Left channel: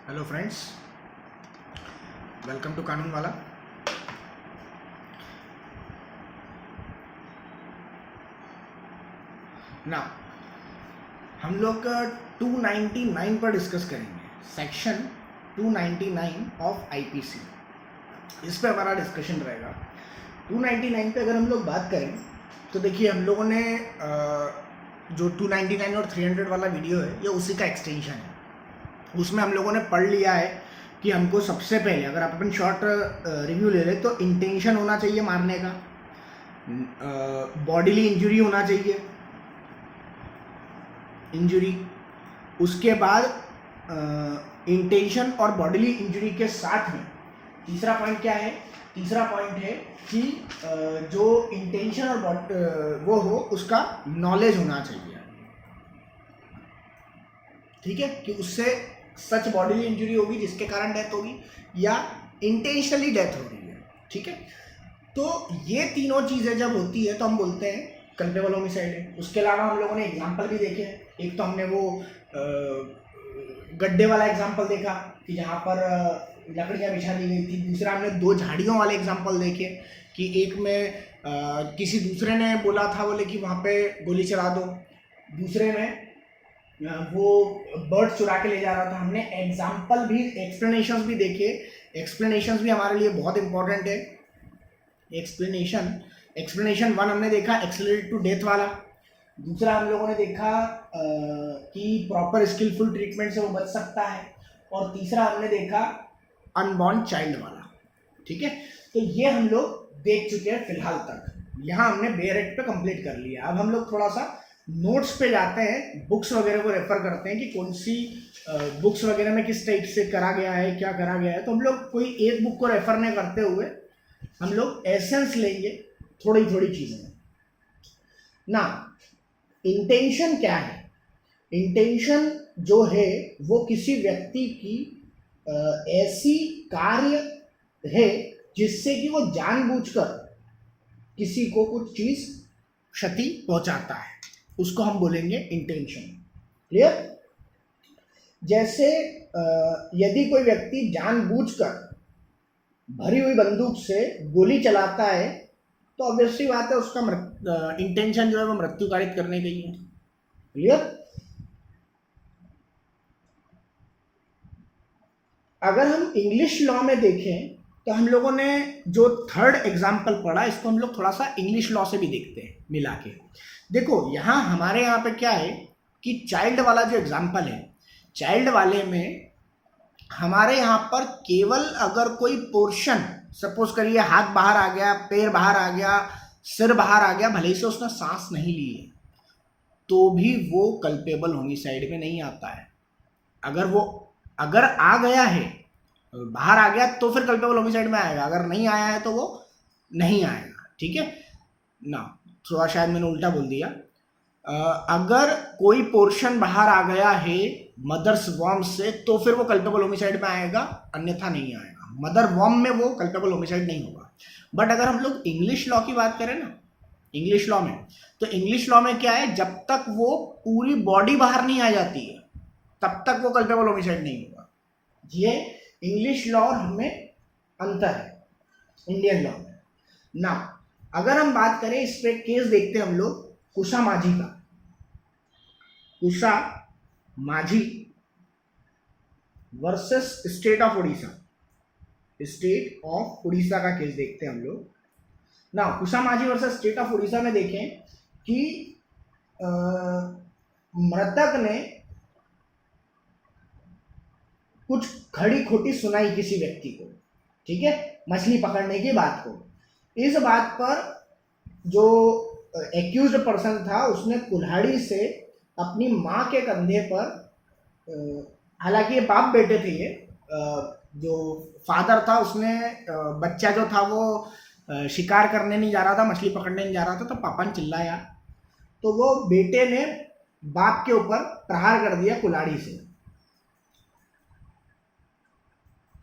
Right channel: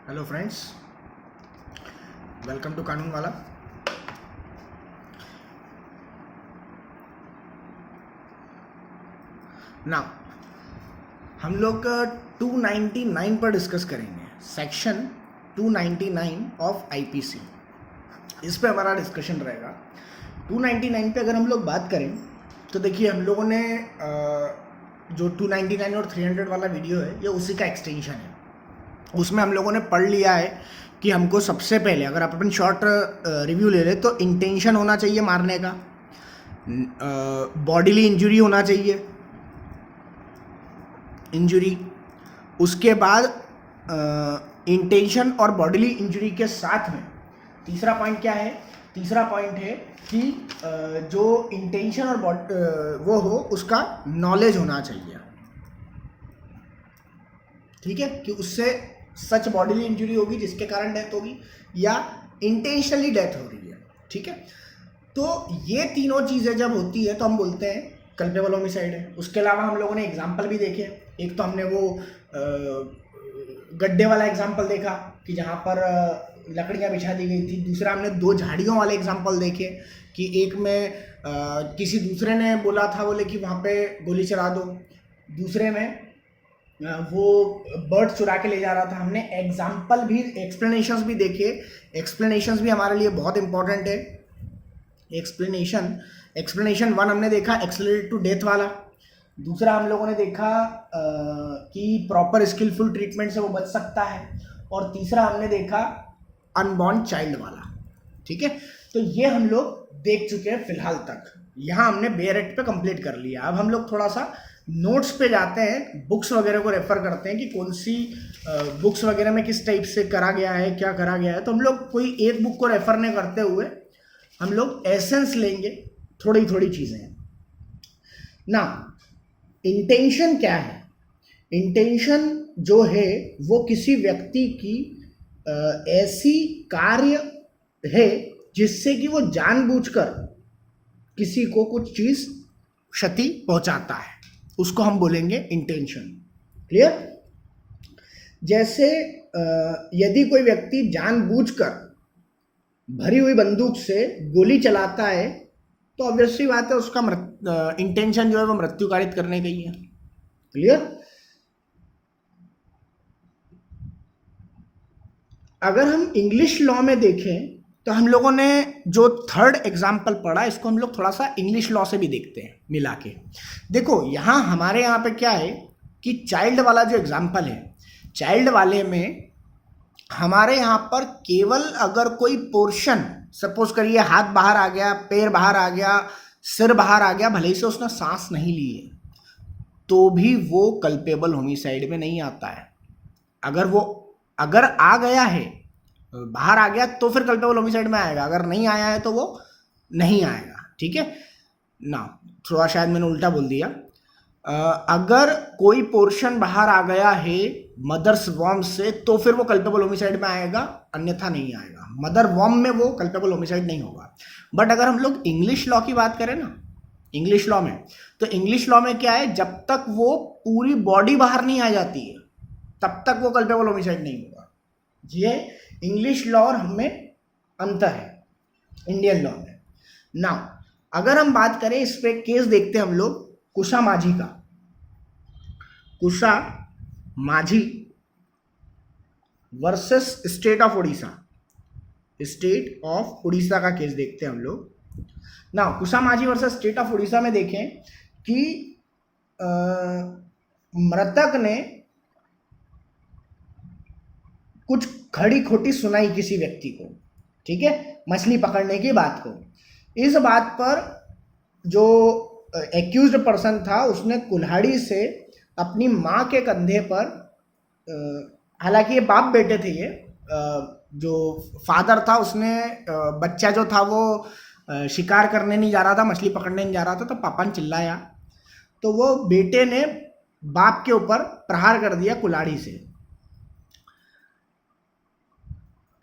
Hello friends, welcome to कानून वाला। ना हम लोग 299 पर डिस्कस करेंगे, सेक्शन 299 ऑफ आईपीसी। इस पे हमारा डिस्कशन रहेगा। 299 पे अगर हम लोग बात करें तो देखिए, हम लोगों ने जो 299 और 300 वाला वीडियो है, ये उसी का एक्सटेंशन है। उसमें हम लोगों ने पढ़ लिया है कि हमको सबसे पहले, अगर आप अपन शॉर्ट रिव्यू ले लें, तो इंटेंशन होना चाहिए मारने का, बॉडीली इंजरी होना चाहिए, इंजरी। उसके बाद इंटेंशन और बॉडीली इंजरी के साथ में तीसरा पॉइंट क्या है? तीसरा पॉइंट है कि जो इंटेंशन और वो हो, उसका नॉलेज होना चाहिए। ठीक है, कि उससे सच बॉडीली इंजरी होगी जिसके कारण डेथ होगी, या इंटेंशनली डेथ हो रही है। ठीक है, तो ये तीनों चीज़ें जब होती है तो हम बोलते हैं कल्पेबल होमिसाइड है। उसके अलावा हम लोगों ने एग्जाम्पल भी देखे। एक तो हमने वो गड्ढे वाला एग्जाम्पल देखा कि जहाँ पर लकड़ियाँ बिछा दी गई थी। दूसरा हमने दो झाड़ियों वाले एग्जाम्पल देखे कि एक में किसी दूसरे ने बोला था, बोले कि वहाँ पे गोली चला दो। दूसरे में वो बर्ड चुरा के ले जा रहा था। हमने एग्जाम्पल भी, एक्सप्लेनेशंस भी देखे। एक्सप्लेनेशंस भी हमारे लिए बहुत इंपॉर्टेंट है। एक्सप्लेनेशन 1 हमने देखा, एक्सेलरेट टू डेथ वाला। दूसरा हम लोगों ने देखा कि प्रॉपर स्किलफुल ट्रीटमेंट से वो बच सकता है। और तीसरा हमने देखा अनबॉर्न चाइल्ड वाला। ठीक है, तो ये हम लोग देख चुके हैं फिलहाल तक। यहाँ हमने बेयर एक्ट पे कंप्लीट कर लिया। अब हम लोग थोड़ा सा नोट्स पे जाते हैं, बुक्स वगैरह को रेफर करते हैं कि कौन सी बुक्स वगैरह में किस टाइप से करा गया है, क्या करा गया है। तो हम लोग कोई एक बुक को रेफर नहीं करते हुए हम लोग एसेंस लेंगे, थोड़ी थोड़ी चीज़ें ना। इंटेंशन क्या है? इंटेंशन जो है वो किसी व्यक्ति की ऐसी कार्य है जिससे कि वो जानबूझकर किसी को कुछ चीज़ क्षति पहुंचाता है, उसको हम बोलेंगे इंटेंशन। क्लियर? जैसे यदि कोई व्यक्ति जानबूझकर भरी हुई बंदूक से गोली चलाता है तो ऑब्वियसली बात है उसका इंटेंशन जो है वो मृत्यु कारित करने का ही है। क्लियर? अगर हम इंग्लिश लॉ में देखें तो हम लोगों ने जो थर्ड एग्जाम्पल पढ़ा, इसको हम लोग थोड़ा सा इंग्लिश लॉ से भी देखते हैं मिला के। देखो, यहाँ हमारे यहाँ पे क्या है कि चाइल्ड वाला जो एग्जाम्पल है, चाइल्ड वाले में हमारे यहाँ पर केवल अगर कोई पोर्शन, सपोज करिए हाथ बाहर आ गया, पैर बाहर आ गया, सिर बाहर आ गया, भले ही से उसने सांस नहीं ली है, तो भी वो कल्पेबल होमिसाइड में नहीं आता है। अगर आ गया है, बाहर आ गया, तो फिर कल्पेबल होमिसाइड में आएगा। अगर नहीं आया है तो वो नहीं आएगा। ठीक है ना? थोड़ा शायद मैंने उल्टा बोल दिया। अगर कोई पोर्शन बाहर आ गया है मदर्स वॉर्म से, तो फिर वो कल्पेबल होमिसाइड में आएगा, अन्यथा नहीं आएगा। मदर वॉर्म में वो कल्पेबल होमिसाइड नहीं होगा। बट अगर हम लोग इंग्लिश लॉ की बात करें ना, इंग्लिश लॉ में, तो इंग्लिश लॉ में क्या है, जब तक वो पूरी बॉडी बाहर नहीं आ जाती है तब तक वो कल्पेबल होमिसाइड नहीं होगा। ये इंग्लिश लॉ और हमें अंतर है इंडियन लॉ में ना। अगर हम बात करें, इस पे केस देखते हैं हम लोग कुशा माझी का। कुशा माझी versus state of Orissa. State of Orissa का केस देखते हैं हम लोग ना। कुशा माझी वर्सेस स्टेट ऑफ उड़ीसा में देखें कि मृतक ने कुछ खड़ी खोटी सुनाई किसी व्यक्ति को, ठीक है, मछली पकड़ने की बात को। इस बात पर जो एक्यूज्ड पर्सन था, उसने कुल्हाड़ी से अपनी माँ के कंधे पर, हालांकि ये बाप बेटे थे, ये जो फादर था उसने बच्चा जो था वो शिकार करने नहीं जा रहा था, मछली पकड़ने नहीं जा रहा था, तो पापा ने चिल्लाया, तो वो बेटे ने बाप के ऊपर प्रहार कर दिया कुल्हाड़ी से।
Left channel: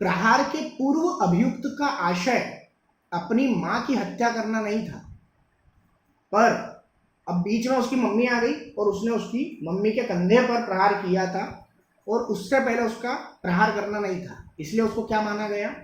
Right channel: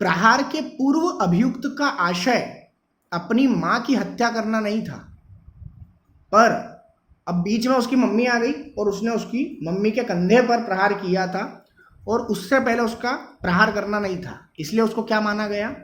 प्रहार के पूर्व अभियुक्त का आशय अपनी मां की हत्या करना नहीं था, पर अब बीच में उसकी मम्मी आ गई और उसने उसकी मम्मी के कंधे पर प्रहार किया था और उससे पहले उसका प्रहार करना नहीं था, इसलिए उसको क्या माना गया,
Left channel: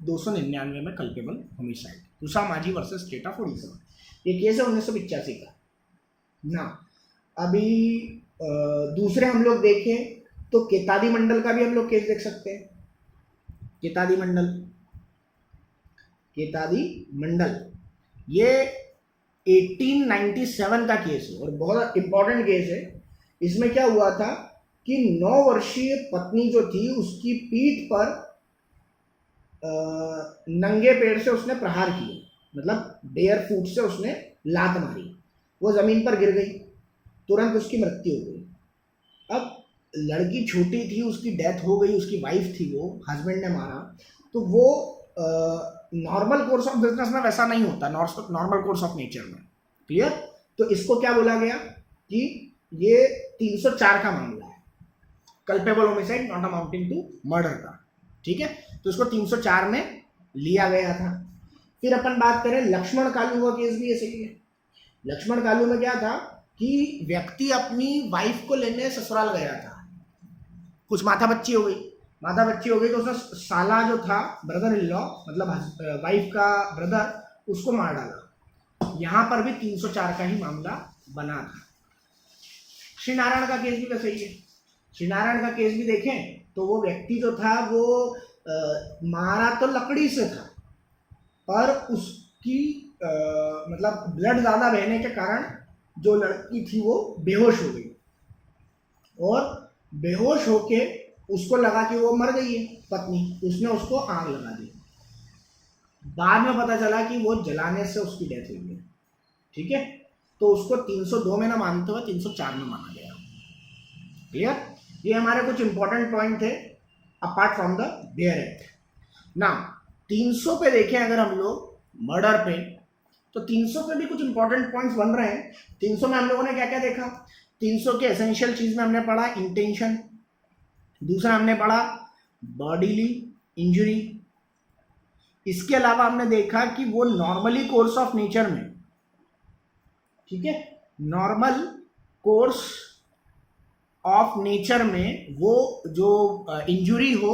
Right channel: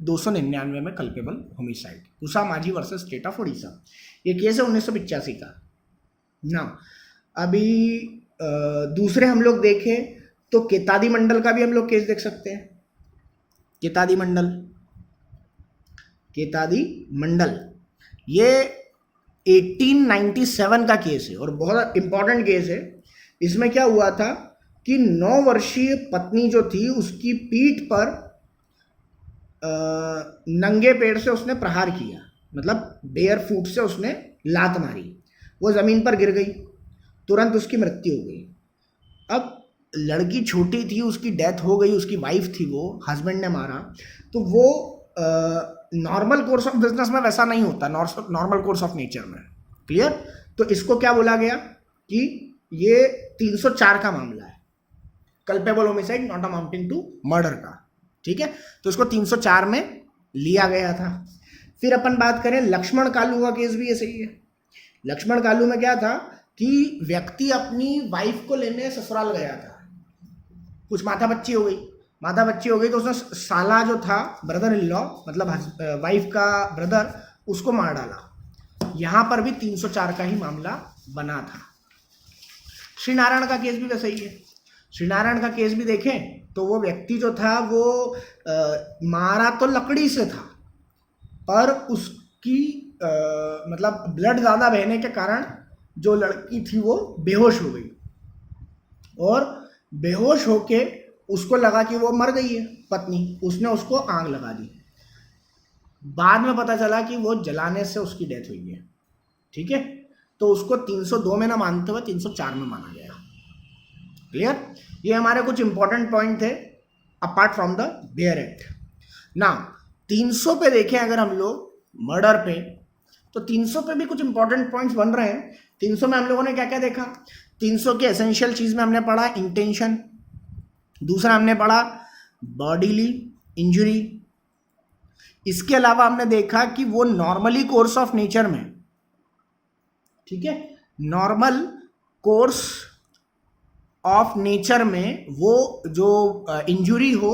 299 में कल्पेबल होमिसाइड। तुषा माझी वर्सेस स्टेट ऑफ उड़ीसा, ये केस है 1985 का ना। अभी दूसरे हम लोग देखें तो केतादी मंडल का भी हम लोग केस देख सकते हैं। केतादी मंडल ये 1897 का केस है और बहुत इंपॉर्टेंट केस है। इसमें क्या हुआ था कि 9 वर्षीय पत्नी जो थी उसकी पीठ पर नंगे पैर से उसने प्रहार किया, मतलब बेयर फुट से उसने लात मारी, वो जमीन पर गिर गई, तुरंत उसकी मृत्यु हो गई। अब लड़की छोटी थी, उसकी डेथ हो गई, उसकी वाइफ थी, वो हस्बैंड ने मारा, तो वो नॉर्मल कोर्स ऑफ बिजनेस में वैसा नहीं होता, नॉर्मल कोर्स ऑफ नेचर में। क्लियर? तो इसको क्या बोला गया कि ये 304 का मामला है, culpable homicide not amounting to murder का। ठीक है, तो इसको 304 में लिया गया था। फिर अपन बात करें लक्ष्मण कालू का केस भी ऐसे ही है। लक्ष्मण कालू में क्या था कि व्यक्ति अपनी वाइफ को लेने ससुराल गया था, कुछ माथा बच्ची हो गई तो उसने साला जो था, ब्रदर इन लॉ, मतलब वाइफ का ब्रदर, उसको मार डाला। यहाँ पर भी 304 का ही मामला बना था। श्री नारायण का केस भी वैसा ही है। श्री नारायण का केस भी देखें तो वो व्यक्ति जो था वो मारा तो लकड़ी से था, पर उसकी मतलब ब्लड ज़्यादा बहने के कारण जो लड़की थी वो बेहोश हो गई, और बेहोश होके उसको लगा कि वो मर गई है पत्नी, उसने उसको आग लगा दी। बाद में पता चला कि वो जलाने से उसकी डेथ हुई है। ठीक है, तो उसको 302 में ना मानते हुए 304 में माना गया। क्लियर? ये हमारे कुछ इंपॉर्टेंट पॉइंट थे apart from the bare act. ना 300 पे देखें अगर हम लोग मर्डर पे, तो 300 पे भी कुछ इंपॉर्टेंट पॉइंट्स बन रहे हैं। 300 में हम लोगों ने क्या क्या देखा? 300 के एसेंशियल चीज में हमने पढ़ा इंटेंशन, दूसरा हमने पढ़ा बॉडीली इंजरी, इसके अलावा हमने देखा कि वो नॉर्मली कोर्स ऑफ नेचर में, ठीक है, नॉर्मल कोर्स ऑफ नेचर में वो जो इंजुरी हो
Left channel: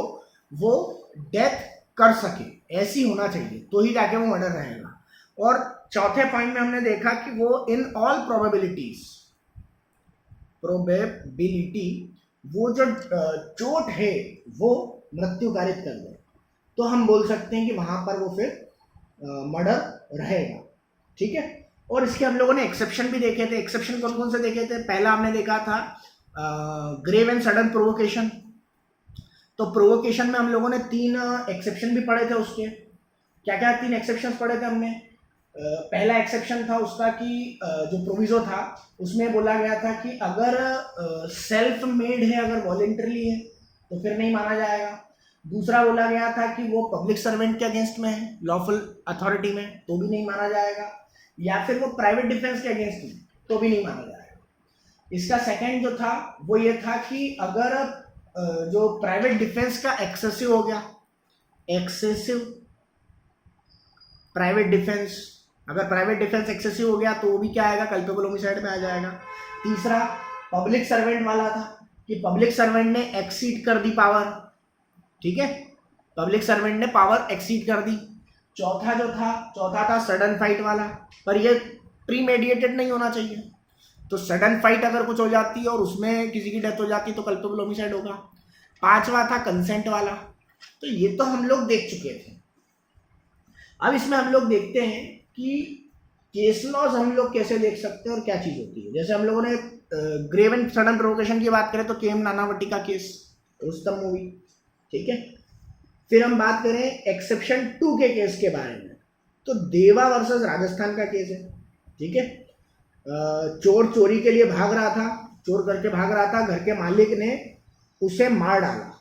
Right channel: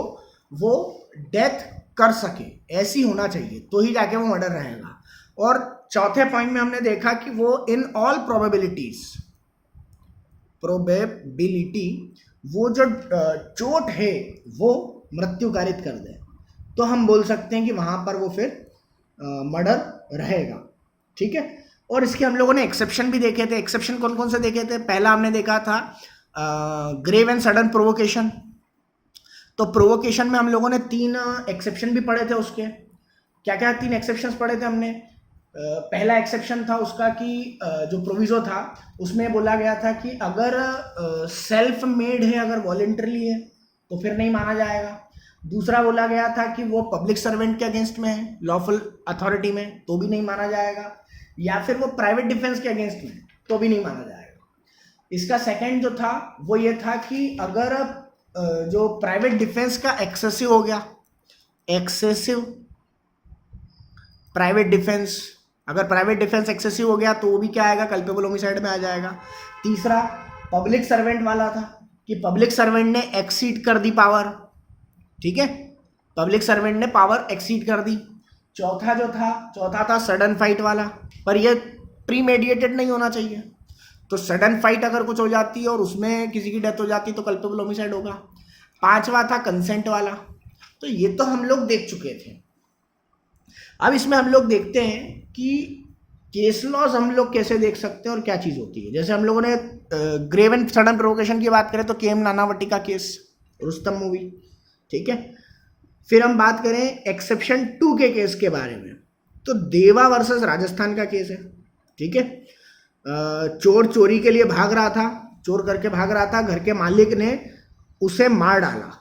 वो डेथ कर सके, ऐसी होना चाहिए, तो ही जाके वो मर्डर रहेगा। और चौथे पॉइंट में हमने देखा कि वो इन ऑल प्रोबेबिलिटी, वो जो चोट है वो मृत्यु कारित कर दे, तो हम बोल सकते हैं कि वहां पर वो फिर मर्डर रहेगा। ठीक है, और इसके हम लोगों ने एक्सेप्शन भी देखे थे। एक्सेप्शन कौन कौन से देखे थे? पहला हमने देखा था ग्रेव एंड सडन प्रोवोकेशन। तो प्रोवोकेशन में हम लोगों ने 3 एक्सेप्शन भी पढ़े थे। उसके क्या क्या 3 एक्सेप्शन पढ़े थे हमने? पहला एक्सेप्शन था उसका कि जो प्रोविजो था उसमें बोला गया था कि अगर सेल्फ मेड है, अगर वॉलेंटरली है तो फिर नहीं माना जाएगा। दूसरा बोला गया था कि वो पब्लिक सर्वेंट के अगेंस्ट में है, लॉफुल अथॉरिटी में, तो भी नहीं माना जाएगा, या फिर वो प्राइवेट डिफेंस के अगेंस्ट में, तो भी नहीं माना जाएगा। इसका सेकंड जो था वो ये था कि अगर जो प्राइवेट डिफेंस का एक्सेसिव हो गया, एक्सेसिव प्राइवेट डिफेंस, अगर प्राइवेट डिफेंस एक्सेसिव हो गया तो वो भी क्या आएगा? कल्पेबल होमिसाइड में आ जाएगा। तीसरा पब्लिक सर्वेंट वाला था कि पब्लिक सर्वेंट ने एक्सीड कर दी पावर, ठीक है, पब्लिक सर्वेंट ने पावर एक्सीड कर दी। चौथा था सडन फाइट वाला, पर ये प्रीमेडिएटेड नहीं होना चाहिए, तो सडन फाइट अगर कुछ हो जाती है और उसमें किसी की डेथ हो जाती है तो कल्पेबल होमिसाइड होगा। पांचवा था कंसेंट वाला। तो ये तो हम लोग देख चुके थे। अब इसमें हम लोग देखते हैं कि केस लॉज हम लोग कैसे देख सकते हैं और क्या चीज़ होती है। जैसे हम लोगों ने ग्रेव एंड सडन प्रोवोकेशन की बात करें तो के एम नानावटी का केस, रुस्तम मूवी, ठीक है। फिर हम बात करें एक्सेप्शन 2 के केस के बारे में, तो देवा वर्सेस राजस्थान का केस है, ठीक है। चोर चोरी के लिए भाग रहा था, चोर करके भाग रहा था, घर के मालिक ने उसे मार डाला,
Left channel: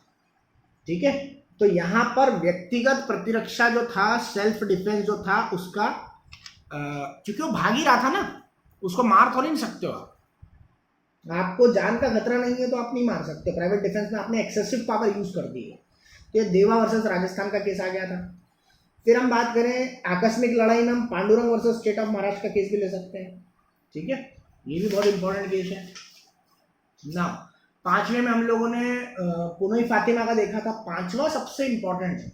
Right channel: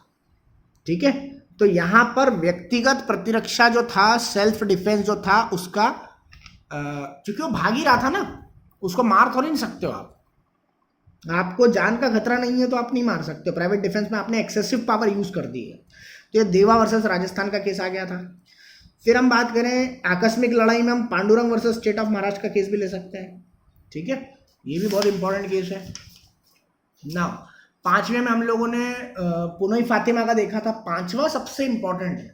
ठीक है। तो यहाँ पर व्यक्तिगत प्रतिरक्षा जो था, सेल्फ डिफेंस जो था उसका, क्योंकि वो भाग ही रहा था ना, उसको मार थोड़ी नहीं सकते हो आप, आपको जान का खतरा नहीं है तो आप नहीं मार सकते। प्राइवेट डिफेंस में आपने एक्सेसिव पावर यूज कर दी है। तो ये देवा वर्सेस राजस्थान का केस आ गया था। फिर हम बात करें आकस्मिक लड़ाई में, हम Pandurang versus state of Maharashtra का केस भी ले सकते हैं, ठीक है। ये भी बहुत इंपॉर्टेंट केस है ना। 5वें में हम लोगों ने पुनई फातिमा का देखा था। 5वां सबसे इंपॉर्टेंट है।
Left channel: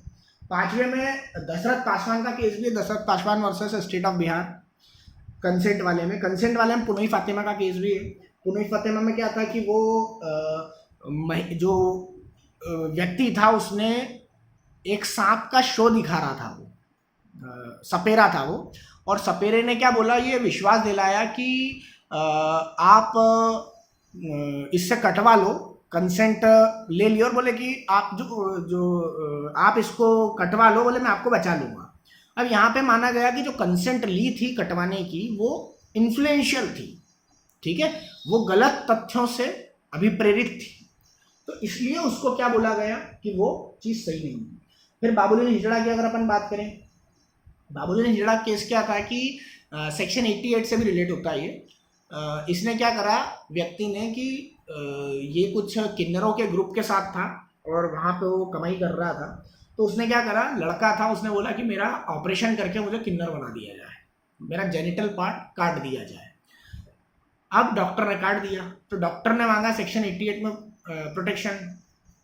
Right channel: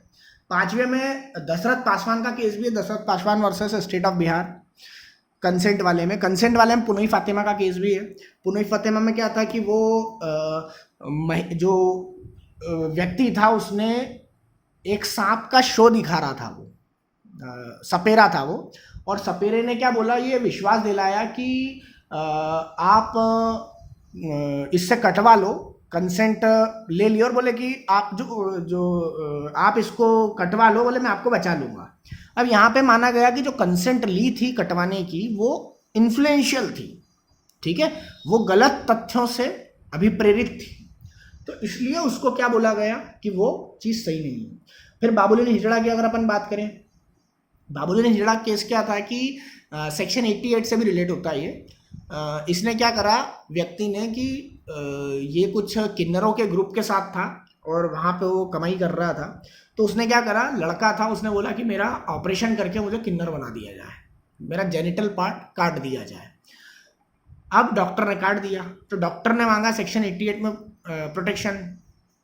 5वें में दशरथ पासवान का केस भी है, Dasharath Paswan versus state of Bihar, consent वाले में पुनई फातिमा का केस भी है। पुनई फातिमा में क्या था कि वो जो व्यक्ति था उसने एक सांप का शो दिखा रहा था, वो सपेरा था वो, और सपेरे ने क्या बोला, ये विश्वास दिलाया कि आप इससे कटवा लो, कंसेंट ले लियो, और बोले कि आप आप इसको कटवा लो, बोले मैं आपको बचा लूँगा। अब यहाँ पे माना गया कि जो कंसेंट ली थी कटवाने की वो इन्फ्लुएंशियल थी, ठीक है, वो गलत तथ्यों से अभिप्रेरित थी, तो इसलिए उसको क्या बोला गया कि वो चीज़ सही नहीं है। फिर बाबुलीन हिजड़ा की अगर अपन बात करें, बाबुलीन हिजड़ा केस क्या था कि सेक्शन 88 से भी रिलेट होता है ये। इसने क्या करा, व्यक्ति ने कि ये कुछ किन्नरों के ग्रुप के साथ था और वहाँ पे वो कमाई कर रहा था, तो उसने क्या करा, लड़का था, उसने बोला कि मेरा ऑपरेशन करके मुझे किन्नर बना दिया जाए, मेरा जेनिटल पार्ट काट दिया जाए। अब डॉक्टर ने काट दिया, तो डॉक्टर ने मांगा सेक्शन 88 में प्रोटेक्शन,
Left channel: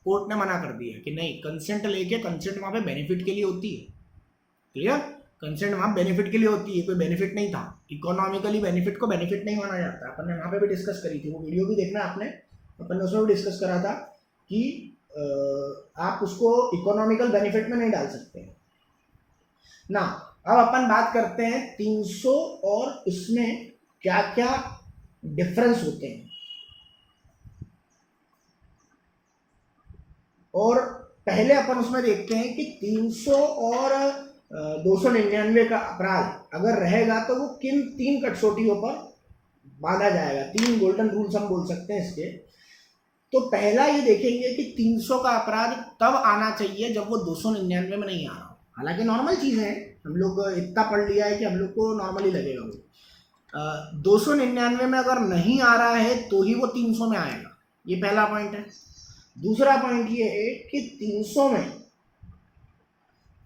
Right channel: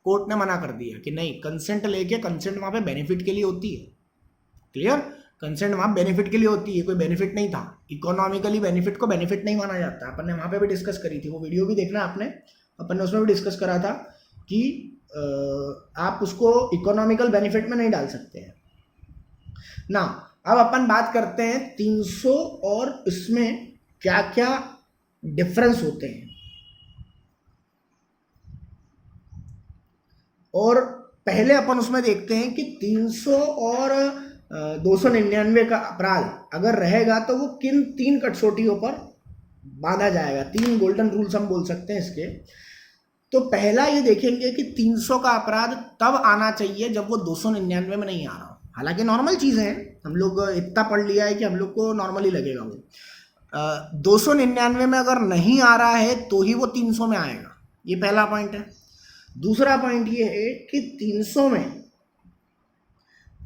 कोर्ट ने मना कर दिया कि नहीं, कंसेंट लेके, कंसेंट वहाँ पे बेनिफिट के लिए होती है, क्लियर, कंसेंट वहाँ बेनिफिट के लिए होती है, कोई बेनिफिट नहीं था, इकोनॉमिकली बेनिफिट को बेनिफिट नहीं माना जाता। अपन ने वहाँ पे भी डिस्कस करी थी, वो वीडियो भी देखना आपने, अपन ने उसमें भी डिस्कस करा था कि आप उसको इकोनॉमिकल बेनिफिट में नहीं डाल सकते हैं ना। अब अपन बात करते हैं 300 और इसमें क्या क्या डिफरेंस होते हैं। और पहले अपन उसमें देखते हैं कि 300 और 299 का अपराध अगर रहेगा तो वो किन 3 कसौटियों पर बांधा जाएगा, 3 गोल्डन रूल्स हम बोल सकते हैं इसके। तो पहला ये देखेंगे कि 300 का अपराध तब आना चाहिए जब वो 299 में नहीं आ रहा हो। हालांकि नॉर्मल चीज़ है, हम लोग इतना पढ़ लिया है कि हम लोग को नॉर्मली लगेगा वो। 299 में अगर नहीं आ रहा है तो ही वो 300 में आएगा, ये पहला पॉइंट है। दूसरा पॉइंट ये है कि 300 में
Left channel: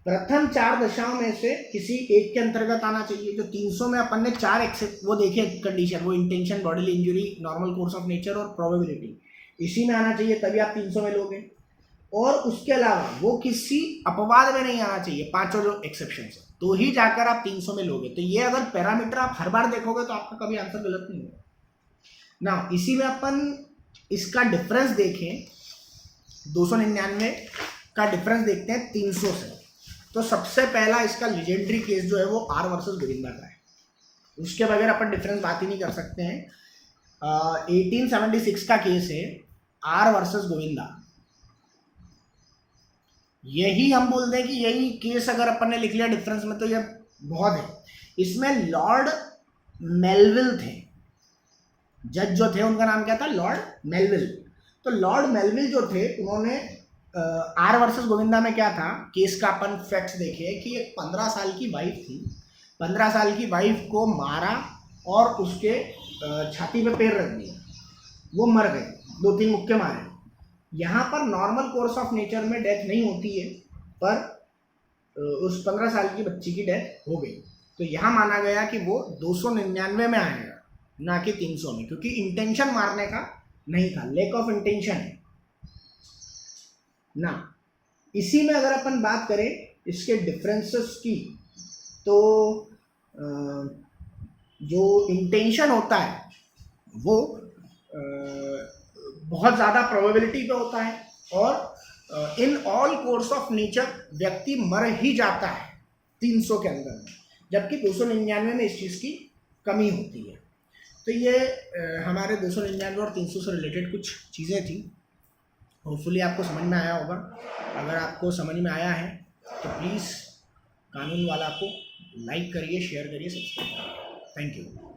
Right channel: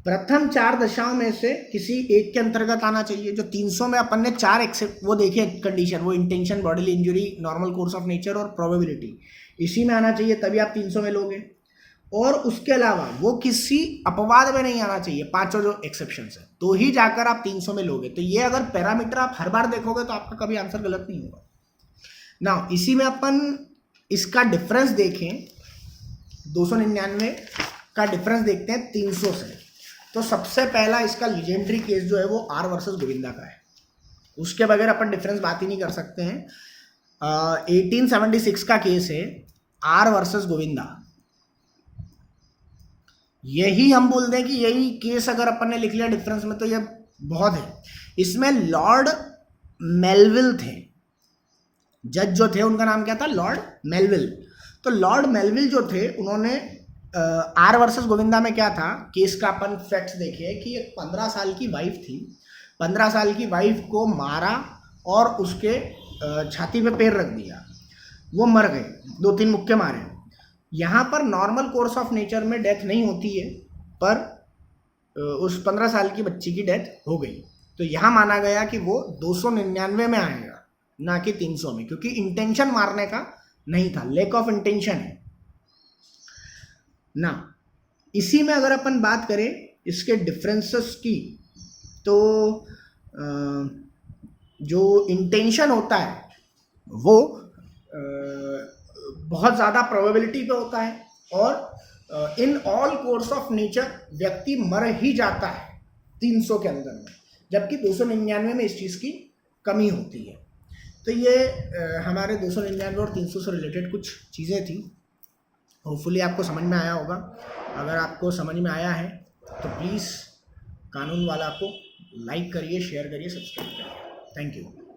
प्रथम 4 दशाओं में से किसी एक के अंतर्गत आना चाहिए। जो 300 में अपन ने 4 वो देखे कंडीशन, वो intention, bodily injury, normal course of nature और प्रोबेबिलिटी, इसी में आना चाहिए, तभी आप 300 में लोगे। और उसके अलावा वो किसी अपवाद में नहीं आना चाहिए, 5 जो एक्सेप्शन है, तो ही जाकर आप 300 में लोगे। तो ये अगर पैरामीटर आप हर बार देखोगे तो आपका कभी आंसर गलत नहीं होगा ना। इसी में अपन इसका डिफरेंस देखें, 299 का डिफरेंस देखते हैं 300 से। तो सबसे पहला इसका लीजेंडरी केस जो है वो आर वर्सेस गोविंदा का है, उसके बगैर अपन डिफरेंस बात ही नहीं कर सकते हैं। 1876 का केस है आर वर्सेस गोविंदा। यही हम बोल दें कि यही केस अगर अपन ने लिख लिया डिफरेंस में तो ये बहुत है। इसमें लॉर्ड मेलविल थे, जज जो थे उनका नाम क्या था, लॉर्ड मेलविल। तो लॉर्ड मेलविल जो थे उन्होंने आर वर्सेस गोविंदा में क्या था, केस का अपन फैक्ट्स देखे कि एक 15 साल की वाइफ थी, 15 साल की वाइफ को मारा और उसके छाती पे पैर रख दिया, वो मर गए, 2-3 मुक्के मारे। यहाँ पर नॉर्मल कोर्स ऑफ नेचर में डेथ नहीं होती है, पर उस 15 साल की बच्ची की डेथ हो गई। तो यहाँ माना गया कि वो 299 में आएगा, ना कि 300 में, क्योंकि इंटेंशन मारने का नहीं था, लैक ऑफ इंटेंशन है ना। इसी में अगर अपन बात करें इसके डिफरेंसेस की, तो जो इंटेंशन होता है वो बहुत ज़्यादा प्रोबेबिलिटी पे होता है, और in all course of nature व्यक्ति मर ही जाता है 300 के अंदर में, जबकि 299 में इस चीज़ की कमी होती है। तो ये हमारे 299 और 300 से रिलेटेड कुछ चीज़ें थी। होपफुली आपको समझ में आया होगा। अगर आपको समझ में आया है तो प्लीज़ कानून वाला को लाइक करिए, शेयर करिए, सब्सक्राइब करिए। Thank you.